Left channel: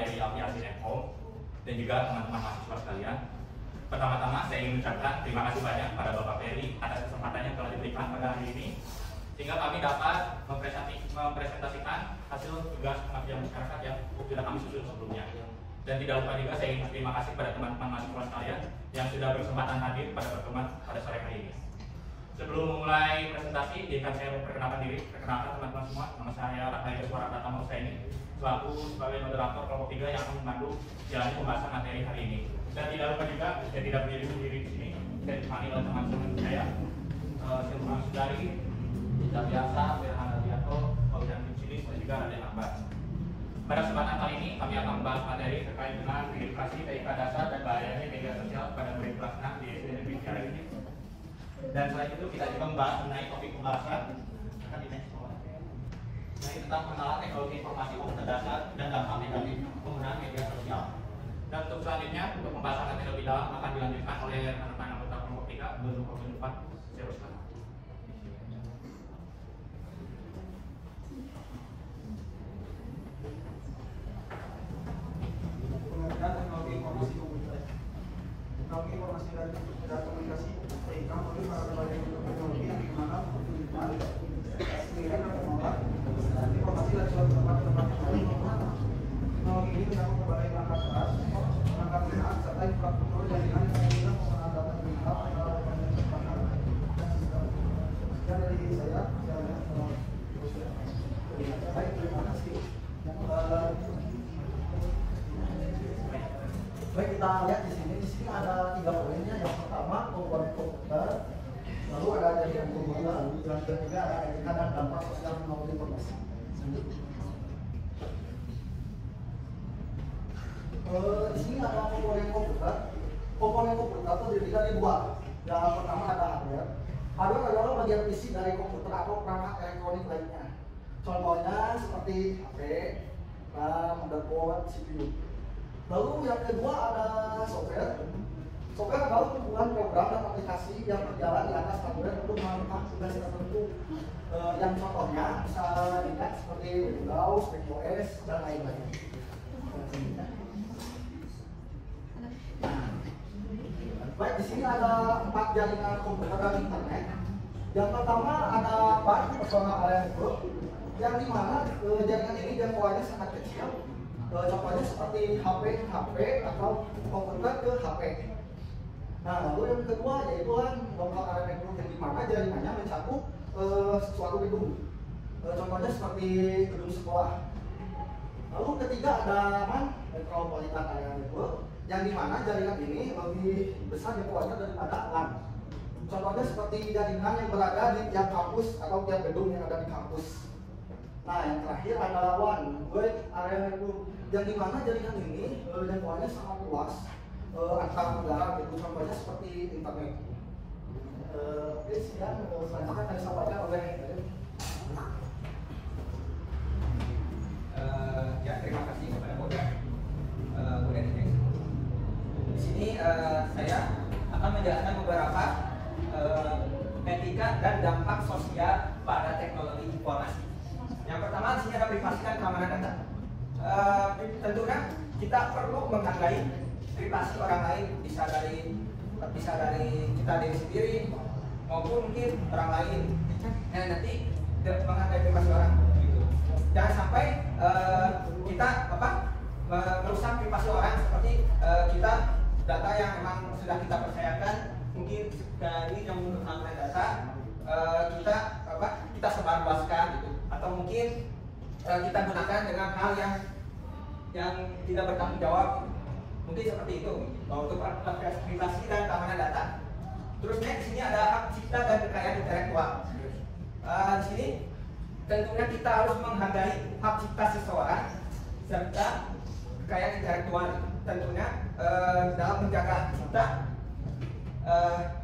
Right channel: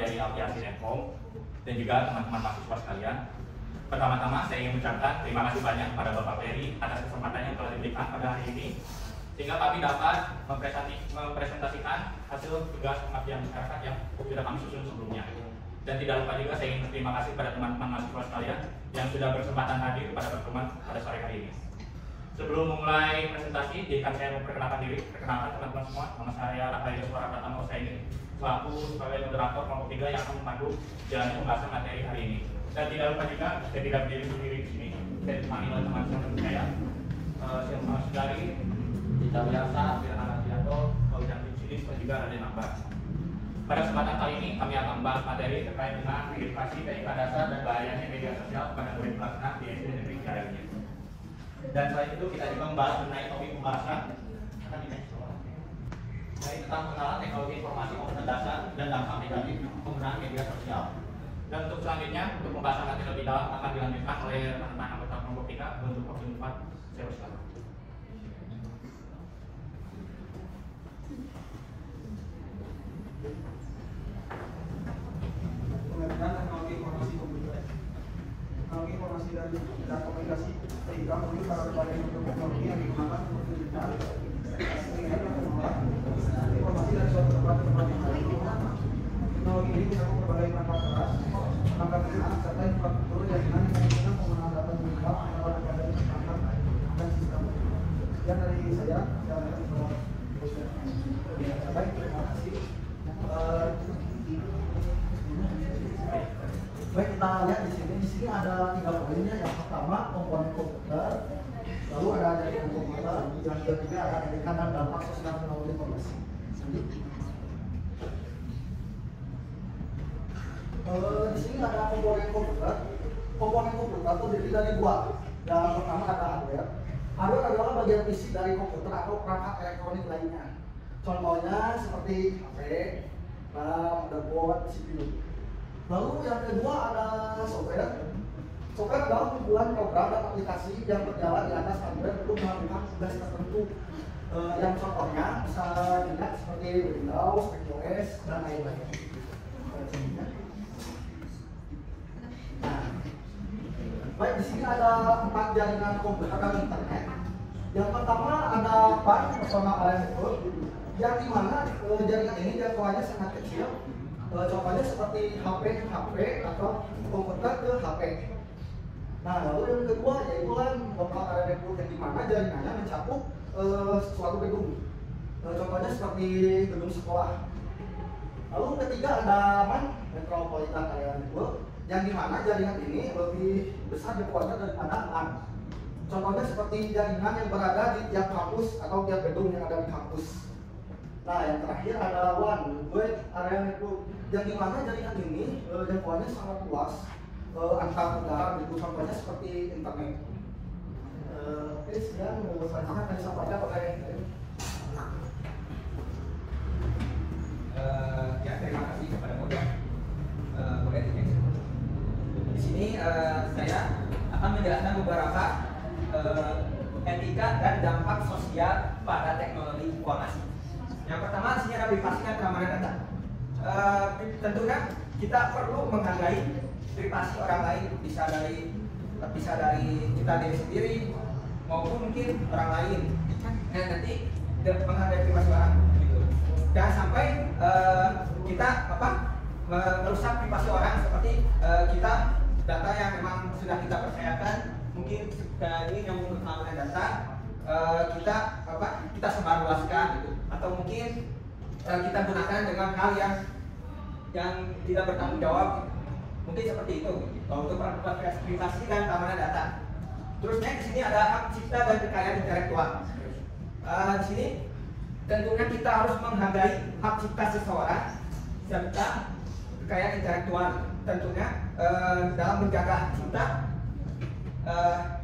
dari Aviasi Home dan juga teman-teman mahasiswa sekalian. Pertama-tama saya ingin mengucapkan terima kasih banyak kepada Bapak Ferry atas kesempatan yang telah diberikan pada hari ini, sehingga kami dapat mempresentasikan hasil tugas pengabdian masyarakat yang sudah kami susun sebelumnya. Dan tidak lupa juga saya ingin berterima kasih kepada teman-teman mahasiswa sekalian yang sudah berkesempatan hadir pada pertemuan pada sore hari ini. Sebelum memulai presentasi, izinkan saya memperkenalkan diri. Perkenalkan teman-teman semua, nama saya Rahayul Suara Pratama Husaini, selaku sebagai moderator kelompok 3 yang akan memandu jalannya pembahasan materi hari ini. Dan tidak lupa juga, saya tidak berdiri sendiri di sini. Saya ditemani oleh teman-teman saya, Sirma Sudari, Dita Wiarsa, Firhana Wiranto, Fauzan Cilis, dan juga Raden Akbar. Pada kesempatan kali ini kami akan membahas materi terkait dengan edukasi TIK dasar dan bahayanya media sosial pada murid kelas 6 di SD Negeri Cikarang. Dan selain itu kita juga membahas mengenai topik pembahasan tentang pengenalan teknologi informasi komputer dasar dan dampak negatif penggunaan media sosial. Dan untuk selanjutnya, untuk pembahasan materi lebih dalam akan dilanjutkan oleh teman-teman anggota kelompok 3 menuju kelompok 4. Saya bersilakan. Teknologi informasi komputer, teknologi informasi dan komunikasi sehingga mulai pada berbagai bentuk teknologi yang digunakan untuk mengirimkan, mengirim dan mengolah informasi dari suatu tempat ke tempat yang lain. Teknologi ini menyangkut berbagai perangkat keras, perangkat lunak serta infrastruktur jaringan yang memungkinkan penggunaan data digital antara berbagai perangkat dan sistem. Sekian dari saya. Baik, terima kasih. Baik, kita lihat di sini. Di sini ada 3 poinnya. Yang pertama komponen komputer, lalu ada jaringan komputer, yang ketiga ada jaringan dan dampak sosial teknologi informasi. Di sini ada komponen komputer. Komponen komputer terdiri dari 2. Yang pertama ada hardware. Hardware adalah bagian fisik dari komputer atau perangkat elektronik lainnya. Contohnya seperti HP, RAM, motherboard, CPU. Lalu yang kedua ada software. Software adalah kumpulan program dan aplikasi yang berjalan di atas hardware untuk melakukan tugas tertentu. Yang contohnya bisa dilihat seperti Windows, macOS, dan lain-lain. Nah, baik, di sini ada 4 jaringan komputer dan internet. Yang pertama ada PAN, personal area network, yang dimana jaringan ini jangkauannya sangat kecil. Contohnya seperti HP atau komputer ke HP. Nah, lalu yang kedua yaitu local area network, yang dimana jaringannya mencakup suatu gedung. Contohnya seperti gedung sekolah. Lalu ketiga ada MAN, metropolitan area network, yang dimana jaringan ini lebih besar jangkauannya daripada LAN. Contohnya seperti jaringan yang berada di tiap kampus atau tiap gedung yang ada di kampus. Nah, yang terakhir adalah WAN, Wide Area Network, yang dimana jaringan ini jangkauannya sangat luas antar negara, itu contohnya seperti internet. Oke, sekian selanjutnya akan disampaikan oleh ya, terima kasih kepada moderator. Di sini saya akan menjelaskan beberapa etika dan dampak sosial pada teknologi informasi. Yang pertama di sini ada privasi dan keamanan data. Tentunya kita perlu menghargai privasi orang lain, bisa dari kita diri sendiri maupun mungkin orang lain. Yang nanti menghargai privasi orang. Jangan sampai kita merusak privasi orang, seperti kita data yang memang sudah kita percayakan, mungkin dari ilmu keamanan data kita sebarluaskan gitu, atau mungkin kita gunakan dengan hal yang tidak bertanggung jawab, mungkin seperti itu. Kalau untuk privasi dan keamanan data. Terusnya di sini ada hak cipta dan kekayaan intelektual. Di sini tentunya kita harus menghargai hak cipta seseorang serta kekayaan intelektual. Tentunya dalam menjaga hak cipta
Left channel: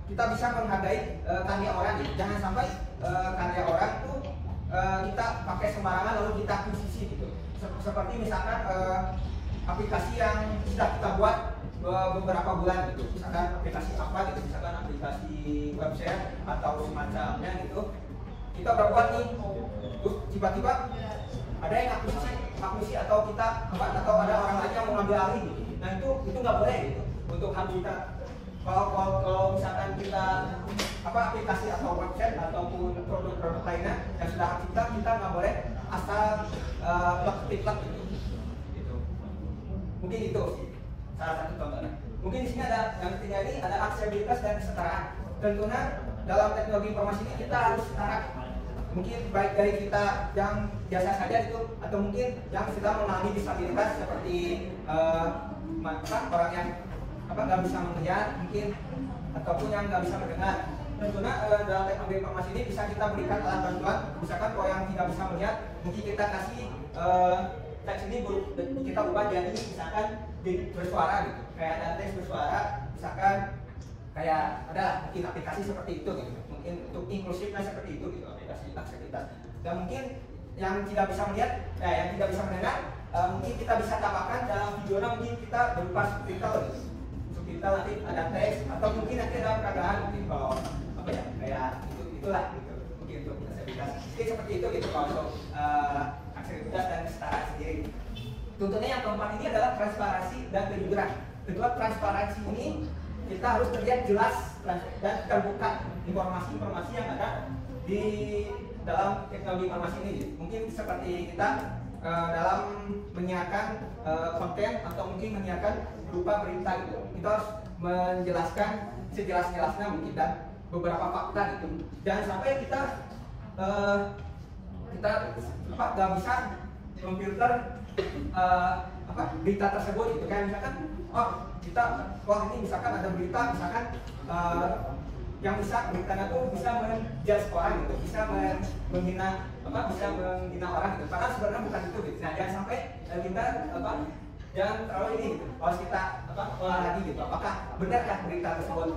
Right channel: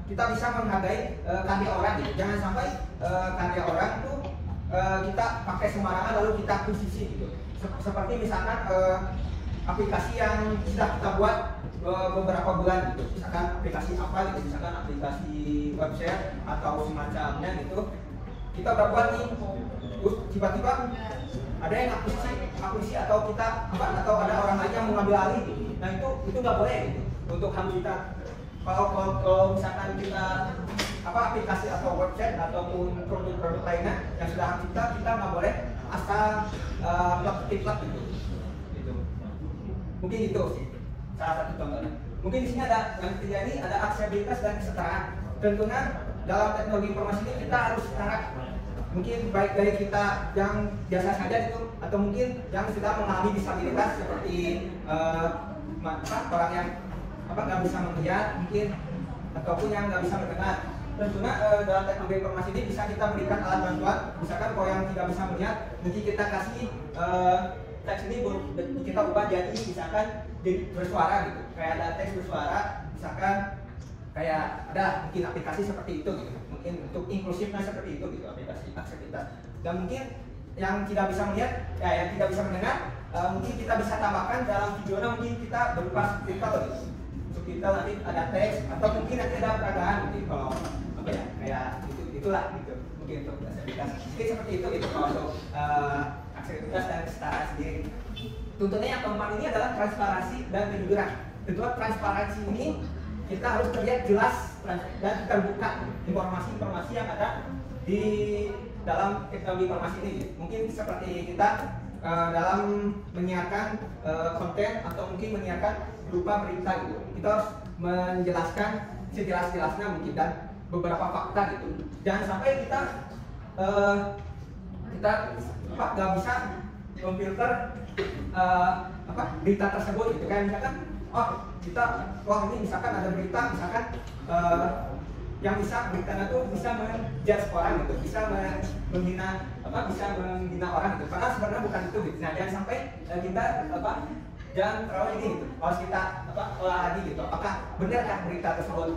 kita bisa menghargai karya orang gitu. Jangan sampai karya orang tuh kita pakai sembarangan lalu kita akuisisi gitu. Seperti misalkan aplikasi yang sudah kita buat beberapa bulan gitu, misalkan aplikasi apa gitu, misalkan aplikasi website atau semacamnya gitu, kita udah buat nih, terus tiba-tiba ada yang akuisisi atau kita atau ada orang lain yang mengambil alih. Nah itu nggak boleh untuk HAM kita. Kalau misalkan kita aplikasi atau website ataupun produk-produk lainnya yang sudah HAM kita nggak boleh asal plug gitu. Mungkin itu salah satu contohnya. Mungkin di sini ada yang ketiga ini ada aksesibilitas dan kesetaraan. Tentunya dalam teknologi informasi ini kita harus setara. Mungkin baik dari kita yang biasa saja itu atau mungkin yang sudah mengalami disabilitas seperti orang yang nggak bisa melihat mungkin ataupun yang nggak bisa mendengar. Tentunya dalam teknologi informasi ini bisa kita berikan alat bantuan. Misalkan kalau yang tidak bisa melihat mungkin kita kasih teks ini kita ubah jadi misalkan bersuara gitu, kayak ada teks bersuara, misalkan kayak ada mungkin aplikasi seperti itu gitu. Mungkin untuk inklusifnya seperti itu gitu, aplikasi aksesibilitas. Dan mungkin yang tidak bisa melihat yang tidak bisa mendengar mungkin kita bisa tambahkan dalam videonya, mungkin kita berupa subtitle gitu. Subtitle nanti ada teks atau mungkin nanti ada peragaan gitu. Kalau kayak itulah gitu. Mungkin untuk aksesibilitas mungkin seperti itu gitu kalau untuk aksesibilitas dan kesetaraan sendiri. Tuntutannya yang keempat ini adalah transparansi dan kejujuran. Kedua, transparansi ini kita harus terlihat jelas dan terbuka informasi-informasi yang ada di dalam teknologi informasi ini. Mungkin seperti kita dalam menyiarkan konten atau mungkin menyiarkan berupa berita gitu. Kita harus menjelaskan sejelas-jelasnya mungkin dan beberapa fakta gitu. Jangan sampai kita nggak bisa memfilter berita tersebut gitu. Kayak misalkan ini misalkan ada berita misalkan yang bisa beritanya tuh bisa menjudge orang gitu, bisa menghina orang gitu. Padahal sebenarnya bukan itu gitu. Nah, jangan sampai kita jangan terlalu ini gitu. Harus kita lagi gitu. Apakah benar kan berita tersebut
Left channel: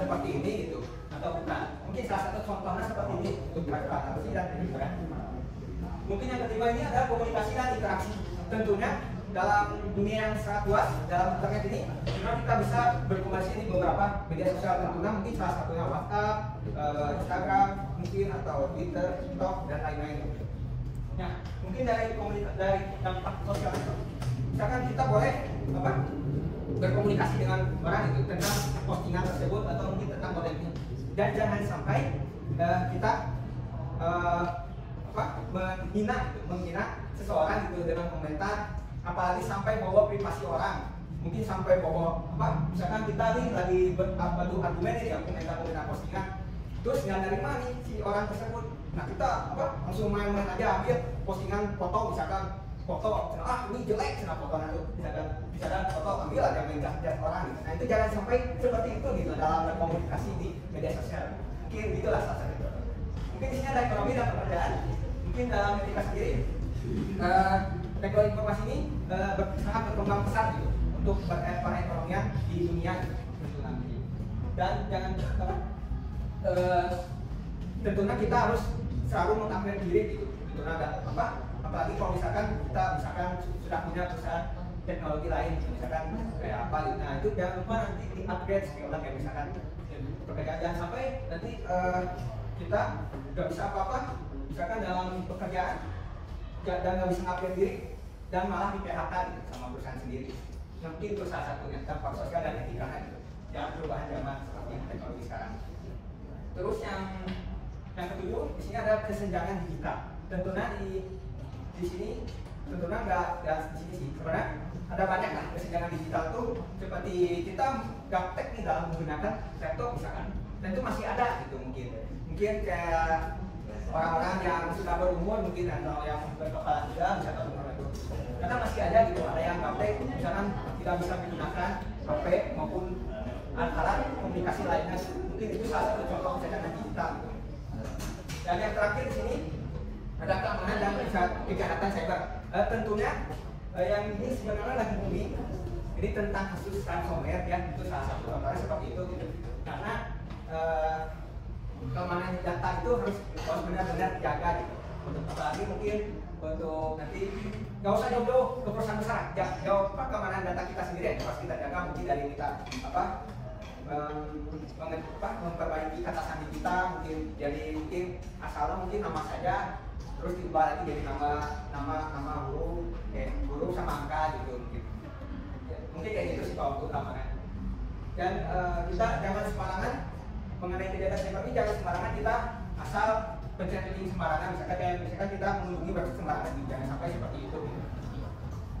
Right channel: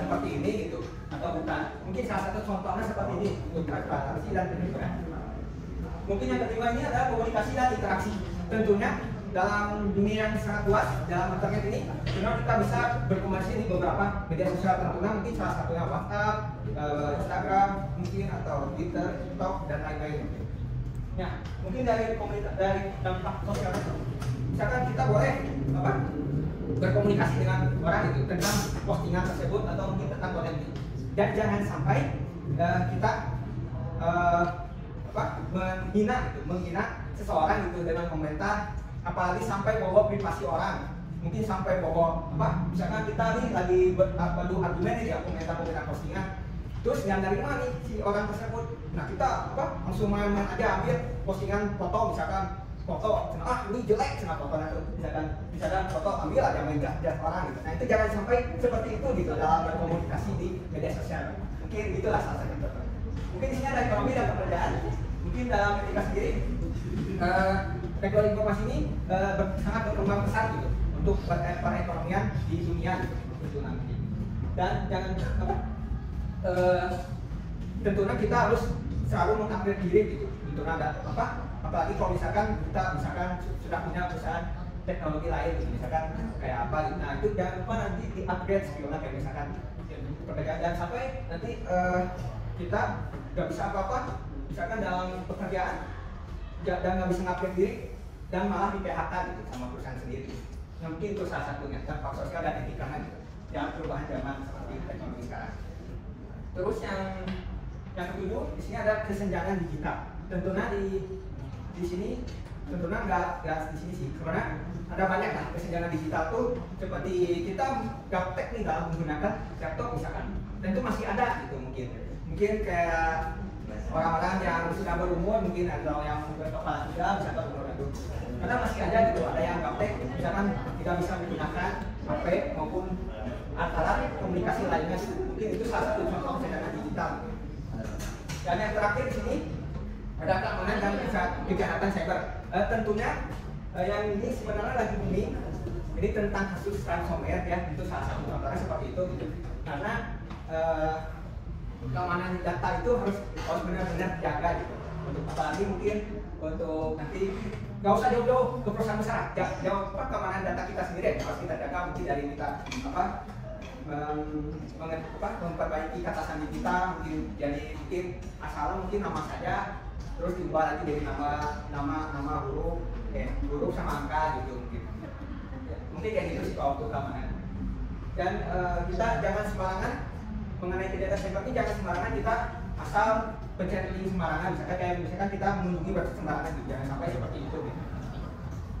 seperti ini gitu atau bukan? Mungkin salah satu contohnya seperti ini untuk transparansi dan kejujuran. Mungkin yang ketiga ini adalah komunikasi dan interaksi. Tentunya dalam dunia yang sangat luas, dalam internet ini, kita bisa berkomunikasi di beberapa media sosial tentunya, mungkin salah satunya WhatsApp, Instagram, mungkin atau Twitter, TikTok dan lain-lain. Ya, mungkin dari dampak sosial itu, misalkan kita boleh berkomunikasi dengan orang itu tentang postingan tersebut atau mungkin tentang konten itu. Dan jangan sampai kita menghina seseorang gitu dengan komentar, apalagi sampai bawa privasi orang, mungkin sampai bawa misalkan kita nih lagi beradu argumen nih komentar dengan postingan, terus yang dari mana nih si orang tersebut, nah kita langsung main-main aja ambil postingan foto, misalkan foto ini jelek fotonya tuh, misalkan foto ambil aja main jas orang gitu. Nah itu jangan sampai seperti itu gitu dalam komunikasi di media sosial. Mungkin itulah salah satu contoh. Mungkin di sini ada ekonomi dan pekerjaan. Mungkin dalam media sendiri teknologi informasi ini sangat berkembang pesat gitu untuk perekonomian di dunia gitu nanti. Dan jangan tentunya kita harus selalu mengupgrade diri gitu. Tentunya ada apalagi kalau misalkan kita sudah punya perusahaan teknologi lain gitu. Misalkan kayak apa gitu. Nah itu jangan lupa nanti di upgrade skillnya kayak misalkan pekerjaan, jangan sampai nanti kita nggak bisa apa-apa misalkan dalam pekerjaan dan nggak bisa ngupgrade diri dan malah di PHK gitu sama perusahaan sendiri. Nah, mungkin itu salah satunya dampak sosial dan etika gitu. Jangan perubahan zaman seperti teknologi sekarang. Terus yang ketujuh di sini ada kesenjangan digital. Tentunya di sini tentunya nggak di sini sih. Sebenarnya ada banyak lah kesenjangan digital tuh, seperti kita gaptek nih dalam menggunakan laptop misalkan, dan itu masih ada gitu mungkin kayak orang-orang yang sudah berumur, mungkin atau yang berkepala tiga misalkan itu karena masih ada gitu, ada yang gaptek misalkan tidak bisa menggunakan HP maupun alat komunikasi lainnya. Mungkin itu salah satu contoh kesenjangan digital. Dan yang terakhir di sini ada keamanan dan kejahatan cyber. Tentunya yang ini sebenarnya lagi booming. Ini tentang kasus ransomware ya, itu salah satu contohnya seperti itu gitu. Karena keamanan data itu harus benar-benar dijaga gitu. Untuk apalagi mungkin untuk nanti nggak usah jauh-jauh ke perusahaan besar, jauh keamanan data kita sendiri harus kita jaga, mungkin dari kita memperbaiki kata sandi kita, mungkin asal mungkin nama saja, terus diubah lagi dari nama huruf sama angka gitu mungkin. Ya, mungkin kayak gitu sih kalau untuk keamanan. Dan kita jangan sembarangan mengenai tidak ada server ini, jangan sembarangan kita asal pencari link sembarangan. Misalkan kita mengunjungi website sembarangan, gitu. Jangan sampai seperti itu. Gitu.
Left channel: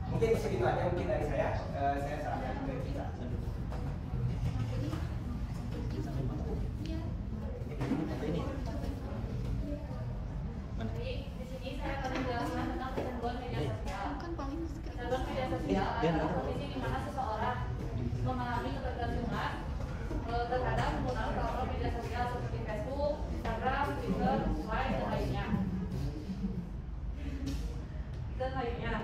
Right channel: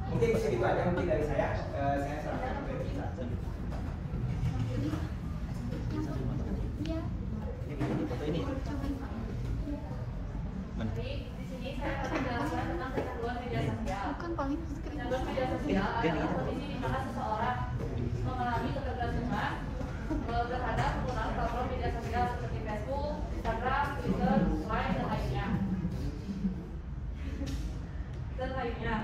Mungkin segitu aja mungkin dari saya. Saya serahkan ke kita. Ini. Jadi di sini saya akan menjelaskan tentang kecanduan media sosial. Kecanduan media sosial adalah kondisi di mana seseorang mengalami ketergantungan terhadap penggunaan platform media sosial seperti Facebook, Instagram, Twitter, Line, dan lainnya.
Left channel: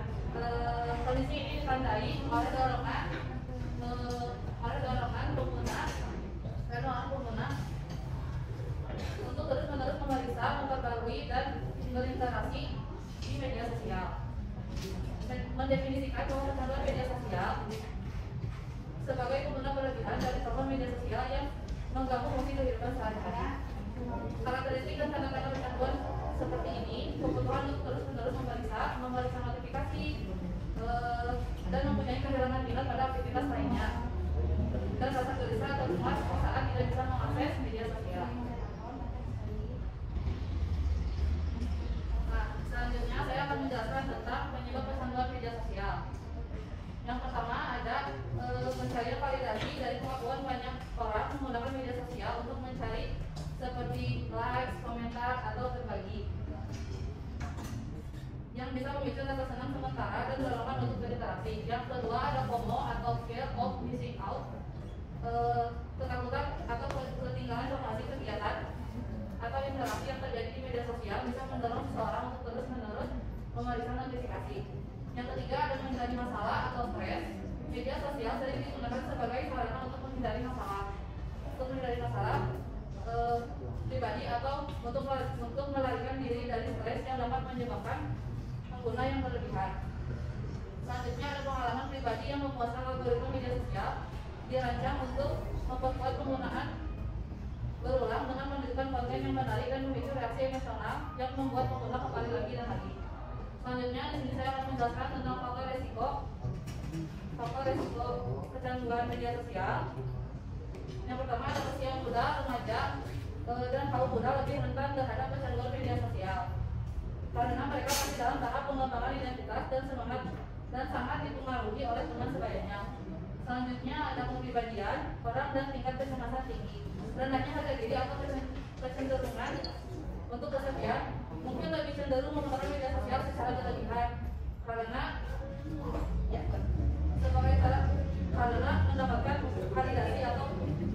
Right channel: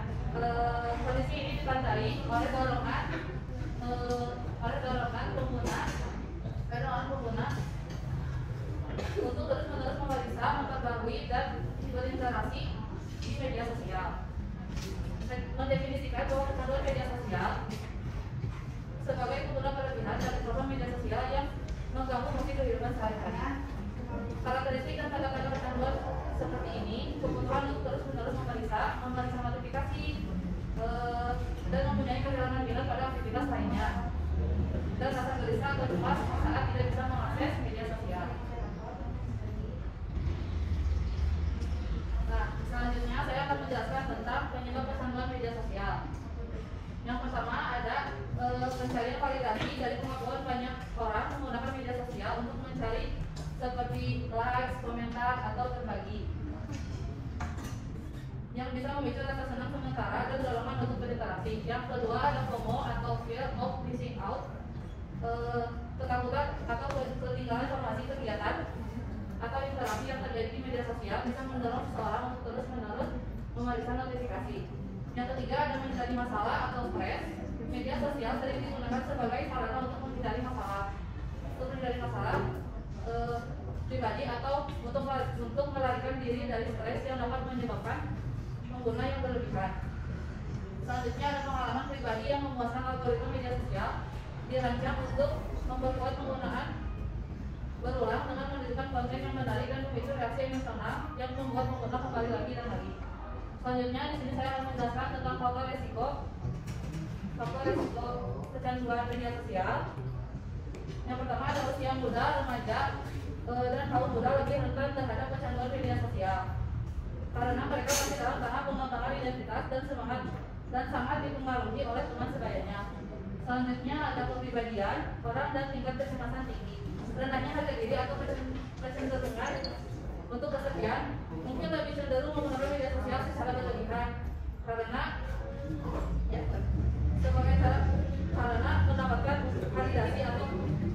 Kondisi ini ditandai oleh dorongan pengguna untuk terus-menerus memeriksa, memperbarui, dan berinteraksi di media sosial. Mendefinisikan bahwa kecanduan media sosial sebagai pengguna berlebihan dari platform media sosial yang mengganggu fungsi kehidupan sehari-hari. Karakteristik dan tanda-tanda kecanduan seperti ini: kebutuhan untuk terus-menerus memeriksa notifikasi, dan mempunyai kehilangan minat pada aktivitas lainnya, dan rasa gelisah atau cemas saat tidak bisa mengakses media sosial. Nah, selanjutnya saya akan menjelaskan tentang penyebab kecanduan media sosial. Yang pertama ada pencarian validasi dari kemampuan banyak orang menggunakan media sosial untuk mencari seperti likes, komentar, atau berbagi, yang bisa memicu rasa senang sementara dan dorongan untuk berinteraksi. Yang kedua ada FOMO atau fear of missing out, ketakutan atau ketinggalan informasi, kegiatan atau interaksi yang terjadi di media sosial bisa mendorong seseorang untuk terus-menerus memeriksa notifikasi. Yang ketiga ada mencari masalah atau stres. Media sosial sering digunakan sebagai sarana untuk menghindari masalah pribadi atau untuk melarikan diri dari stres yang dapat menyebabkan pengguna yang berlebihan. Selanjutnya ada pengalaman pribadi yang memuaskan. Algoritma media sosial dirancang untuk memperkuat penggunaan berulang dengan menunjukkan konten yang menarik dan memicu reaksi emosional yang membuat pengguna kembali lagi dan lagi. Selanjutnya di sini saya akan menjelaskan tentang faktor resiko kecanduan media sosial. Yang pertama ada usia muda, remaja, dan kaum muda lebih rentan terhadap kecanduan media sosial karena mereka masih dalam tahap pengembangan identitas dan sangat dipengaruhi oleh teman sebayanya. Selanjutnya ada kepribadian orang dan tingkat kecemasan tinggi. Rendahnya harga diri atau kecenderungan untuk kesepian mungkin lebih cenderung menggunakan media sosial secara berlebihan karena mendapatkan validasi atau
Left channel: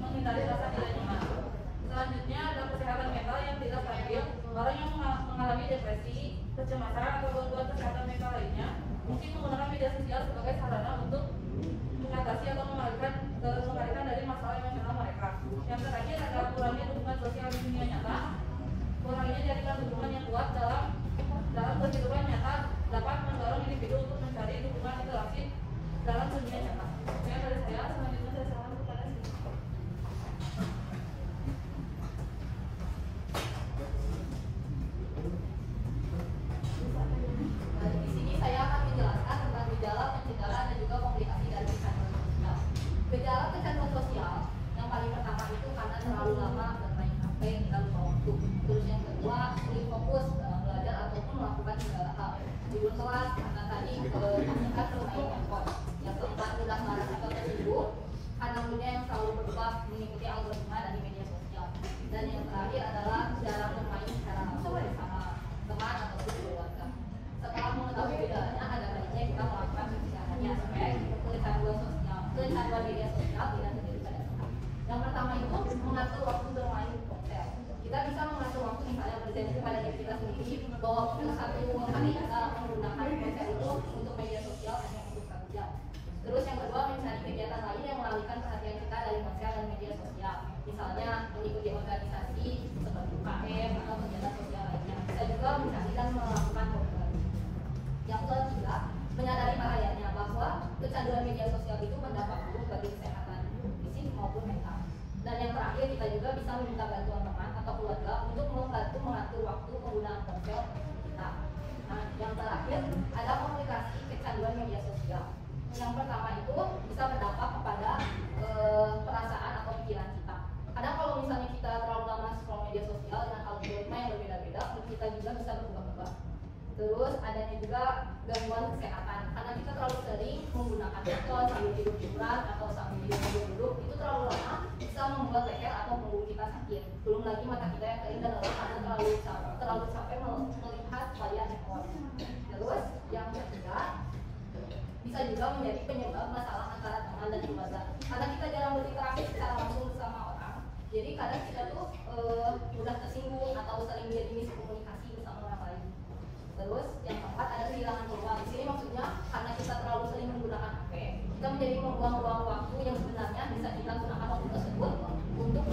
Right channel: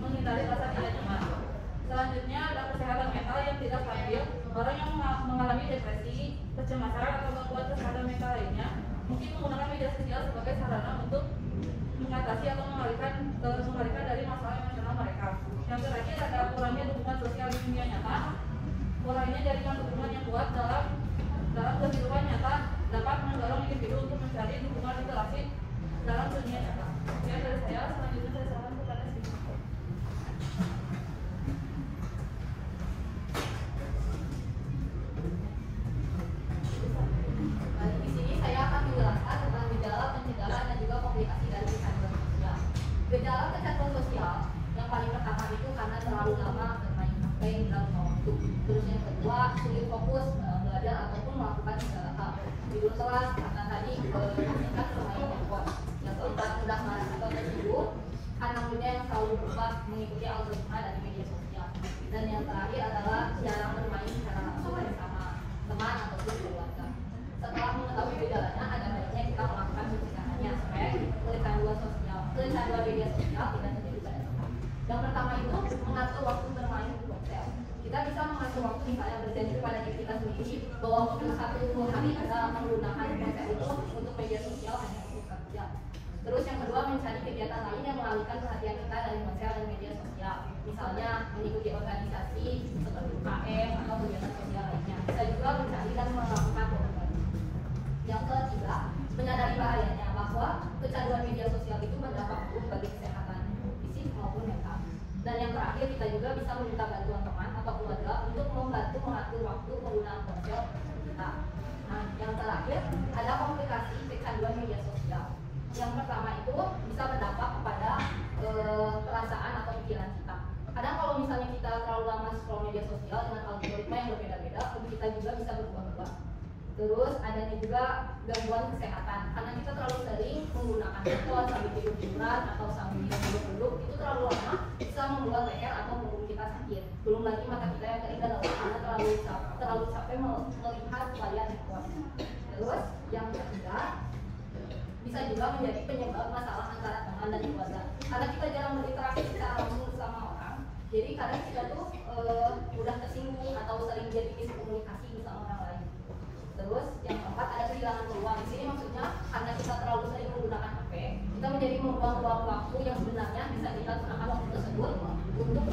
menghindari rasa tidak nyaman. Selanjutnya ada kesehatan mental yang tidak stabil. Orang yang mengalami depresi, kecemasan, atau gangguan kesehatan mental lainnya mungkin menggunakan media sosial sebagai sarana untuk mengatasi atau mengalihkan dari masalah emosional mereka. Yang terakhir ada kurangnya dukungan sosial di dunia nyata. Kurangnya jaringan dukungan yang kuat dalam kehidupan nyata dapat mendorong individu untuk mencari dukungan interaksi dalam dunia nyata. Sekian dari saya. Selanjutnya saya serahkan kepada Siti. Di sini saya akan menjelaskan tentang gejala, pencegahan, dan juga komplikasi dari kecanduan sosial. Gejala kecanduan sosial yang paling pertama itu karena terlalu lama bermain HP dan waktu. Terus yang kedua sulit fokus belajar ataupun melakukan segala hal. Tidur telat karena tadi meningkat bermain handphone. Yang keempat mudah marah atau tersinggung karena dunia yang selalu berubah mengikuti algoritma dari media sosial. Dan yang terakhir adalah jarang bermain secara bersama teman ataupun keluarga. Setelah mengetahui gejalanya, ada baiknya kita melakukan pencegahannya supaya kecanduan media sosial tidak terjadi pada kita. Yang pertama itu mengatur waktu bermain di ponsel. Kita bisa mengatur waktu misalnya berjanji pada diri kita sendiri bahwa untuk satu hari kita menggunakan ponsel itu untuk media sosial hanya untuk 1 jam. Terus yang kedua mencari kegiatan lain yang mengalihkan perhatian kita dari ponsel dan media sosial. Misalnya mengikuti organisasi seperti UKM atau kegiatan sosial lainnya. Kita juga mencari dan melakukan berbagi. Yang ketiga, menyadari bahayanya bahwa kecanduan media sosial itu berdampak buruk bagi kesehatan fisik maupun mental. juga bisa meminta bantuan teman atau keluarga untuk membantu mengatur waktu penggunaan ponsel kita. Nah, yang terakhir ada komplikasi kecanduan media sosial. Yang pertama itu bisa berdampak kepada perasaan atau pikiran kita. Kadang kalau misalnya kita terlalu lama scroll media sosial dengan algoritma yang berbeda-beda, kita juga bisa berubah-ubah. Terus adanya juga gangguan kesehatan karena kita terlalu sering menggunakan handphone sambil tidur-tiduran atau sambil duduk-duduk, itu terlalu lama bisa membuat leher atau punggung kita sakit. Belum lagi mata kita yang terlihat lelah karena terlalu capek melihat layar handphone. Terus yang ketiga bisa juga menjadi penyebab masalah antara teman dan keluarga karena kita jarang berinteraksi secara langsung sama orang. Jadi kadang kita tuh mudah tersinggung atau sering jadi miskomunikasi sama orang lain. Terus yang keempat ada kehilangan peluang. Di sini maksudnya karena kita terlalu sering menggunakan HP, kita menjadi membuang-buang waktu yang sebenarnya bisa kita gunakan waktu tersebut untuk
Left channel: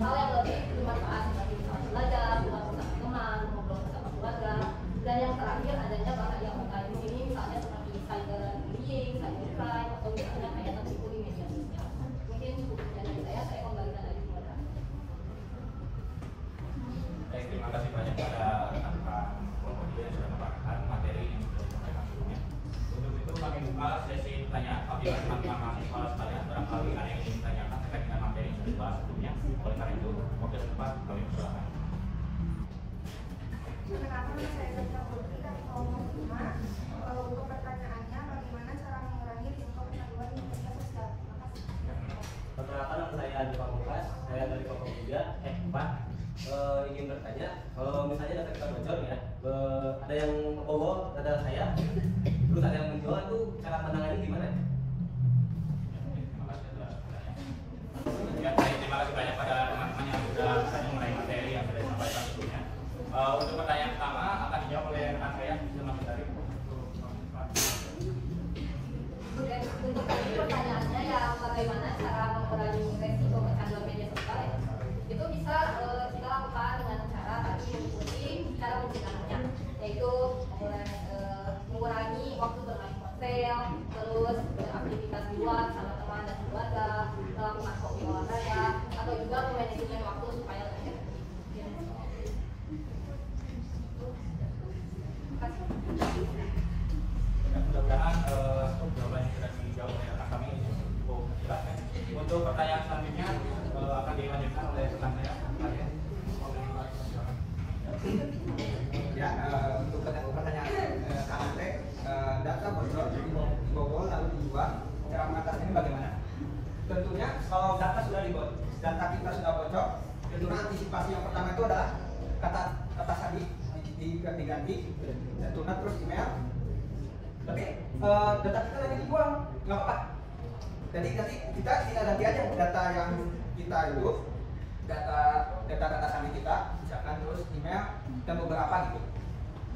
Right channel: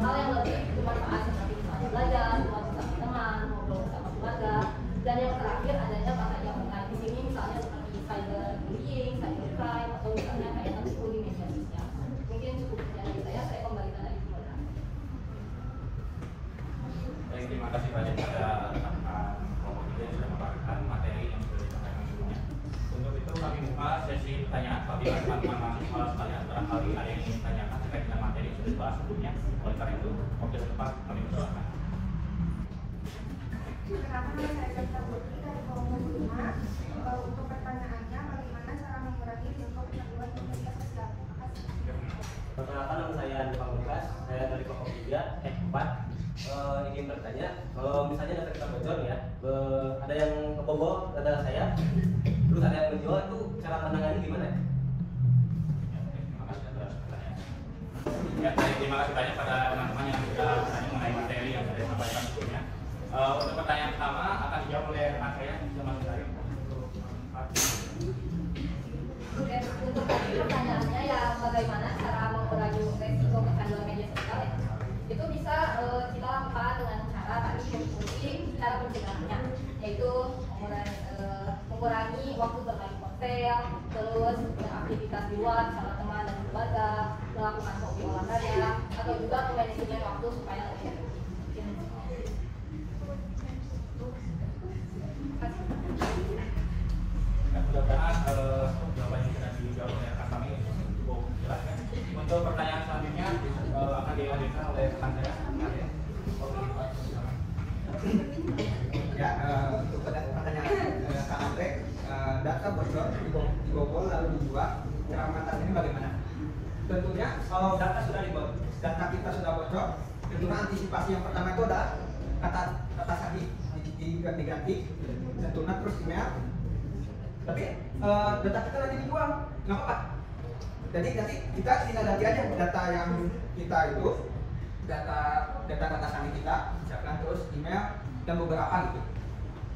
hal yang lebih bermanfaat seperti misalnya belajar, ngobrol sama teman, ngobrol sama keluarga. Dan yang terakhir adanya bahaya online. Di sini misalnya seperti cyberbullying, cybercrime, atau misalnya kayak bullying media sosial. Mungkin cukup sekian dari saya kembalikan lagi kepada. Baik, terima kasih banyak pada yang sudah membagikan materi yang sudah disampaikan sebelumnya. Untuk itu kami buka sesi pertanyaan apabila teman-teman mahasiswa sekalian barangkali ada yang ingin ditanyakan terkait dengan materi yang sudah dibahas sebelumnya. Oleh karena itu, waktu depan kami persilakan. Pertama, saya Dr. Putri dari Komunitas 5. Untuk pertanyaannya, bagaimana cara mengurangi risiko kecanduan media sosial? Terima kasih. Perkenalkan, nama saya Andi Pamungkas, saya dari Komunitas 4. Ingin bertanya, kalau misalnya data kita bocor ya, ada yang ngebobol data saya, terus ada yang menjual, itu cara menangannya gimana ya? Terima kasih banyak pada teman-teman yang sudah bertanya mengenai materi yang sudah disampaikan sebelumnya. Untuk pertanyaan pertama akan dijawab oleh rekan saya, Mas Dari. Untuk tadi pertanyaannya yang bagaimana cara mengurangi resiko kecanduan media sosial ya? Itu bisa kita lakukan dengan cara tadi mengikuti cara pencegahannya, yaitu mengurangi waktu bermain ponsel, terus beraktivitas di luar sama teman dan keluarga, melakukan hobi olahraga, atau juga memanajemen waktu supaya lebih efektif. Mudah-mudahan jawaban yang sudah dijawab oleh rekan kami cukup jelas. Untuk pertanyaan selanjutnya akan dilanjutkan oleh rekan saya. Ya, untuk pertanyaan Kak Andre, data bocor dibobol lalu dijual, cara mengatasinya ini bagaimana? Tentunya kalau data kita sudah bocor, tentunya antisipasi yang pertama itu adalah kata sandi diganti, tentunya terus email. Tapi data kita lagi dibuang, nggak apa-apa. Jadi nanti kita tinggal ganti aja data yang kita itu, data sandi kita, misalkan terus email dan beberapa gitu.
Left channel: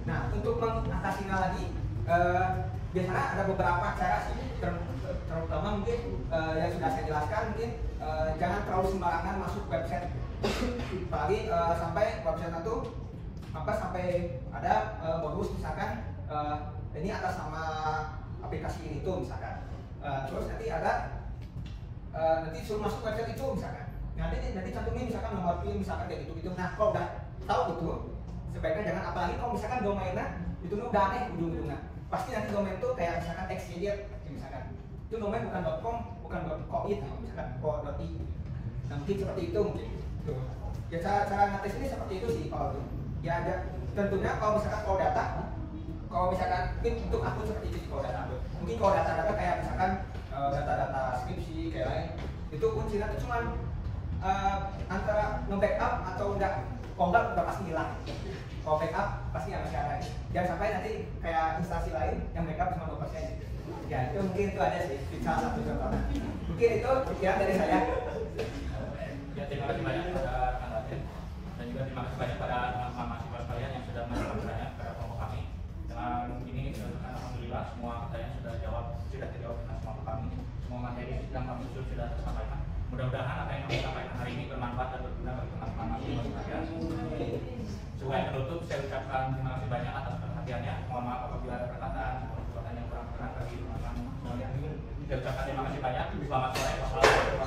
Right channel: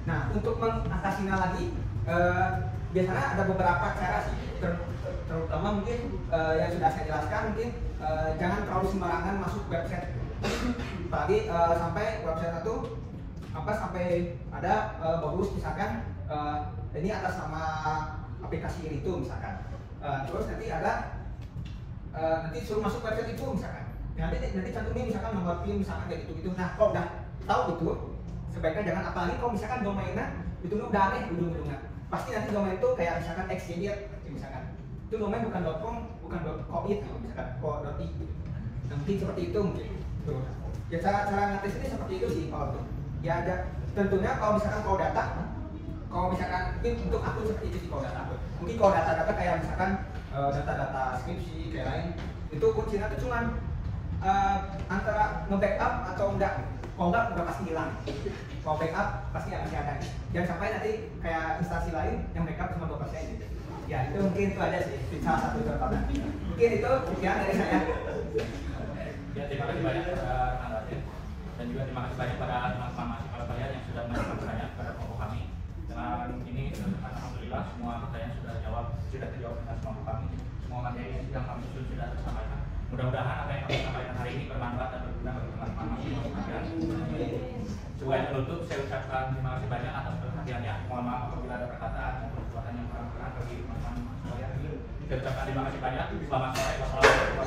Nah, untuk mengatasinya lagi, biasanya ada beberapa cara sih, terutama mungkin yang sudah saya jelaskan, mungkin jangan terlalu sembarangan masuk website, apalagi sampai website itu sampai ada modus misalkan ini atas nama aplikasi ini itu misalkan, terus nanti ada nanti suruh masuk website itu misalkan, nanti cantumin misalkan nomor PIN misalkan kayak gitu. Nah, kalau udah tahu itu sebaiknya jangan, apalagi kalau misalkan domainnya itu udah aneh ujung-ujungnya, pasti nanti domain itu kayak misalkan xjj misalkan, itu domain bukan .com, bukan .coit misalkan, .i. Nah, mungkin seperti itu mungkin. Tuh. Ya cara ngetes ini seperti itu sih kalau tuh. Ya ada tentunya kalau misalkan mungkin untuk akun seperti itu sih kalau data. Mungkin kalau data-data kayak misalkan data-data skripsi kayak lain, itu kuncinya itu cuman antara nge-backup atau enggak. Kalau enggak udah pasti hilang. Kalau backup pasti akan ada. Jangan sampai nanti kayak instansi lain yang backup cuma 2% gitu. Ya itu mungkin itu ada sih salah satu contohnya. Mungkin itu sekian dari saya. Ya, terima kasih banyak kepada rekan Raden dan juga terima kasih banyak pada teman-teman mahasiswa kalian yang sudah menyampaikan pertanyaan kepada kelompok kami. Dengan ini alhamdulillah semua pertanyaan sudah dijawab dengan kelompok kami. Semua materi yang kami sudah tersampaikan. Mudah-mudahan apa yang kami sampaikan hari ini bermanfaat dan berguna bagi teman-teman mahasiswa kalian. Sebelum menutup, saya ucapkan terima kasih banyak atas perhatiannya. Mohon maaf apabila ada perkataan atau perbuatan yang kurang bagi teman-teman sekalian. Saya ucapkan terima kasih banyak. Selamat sore. Wassalamualaikum warahmatullahi wabarakatuh.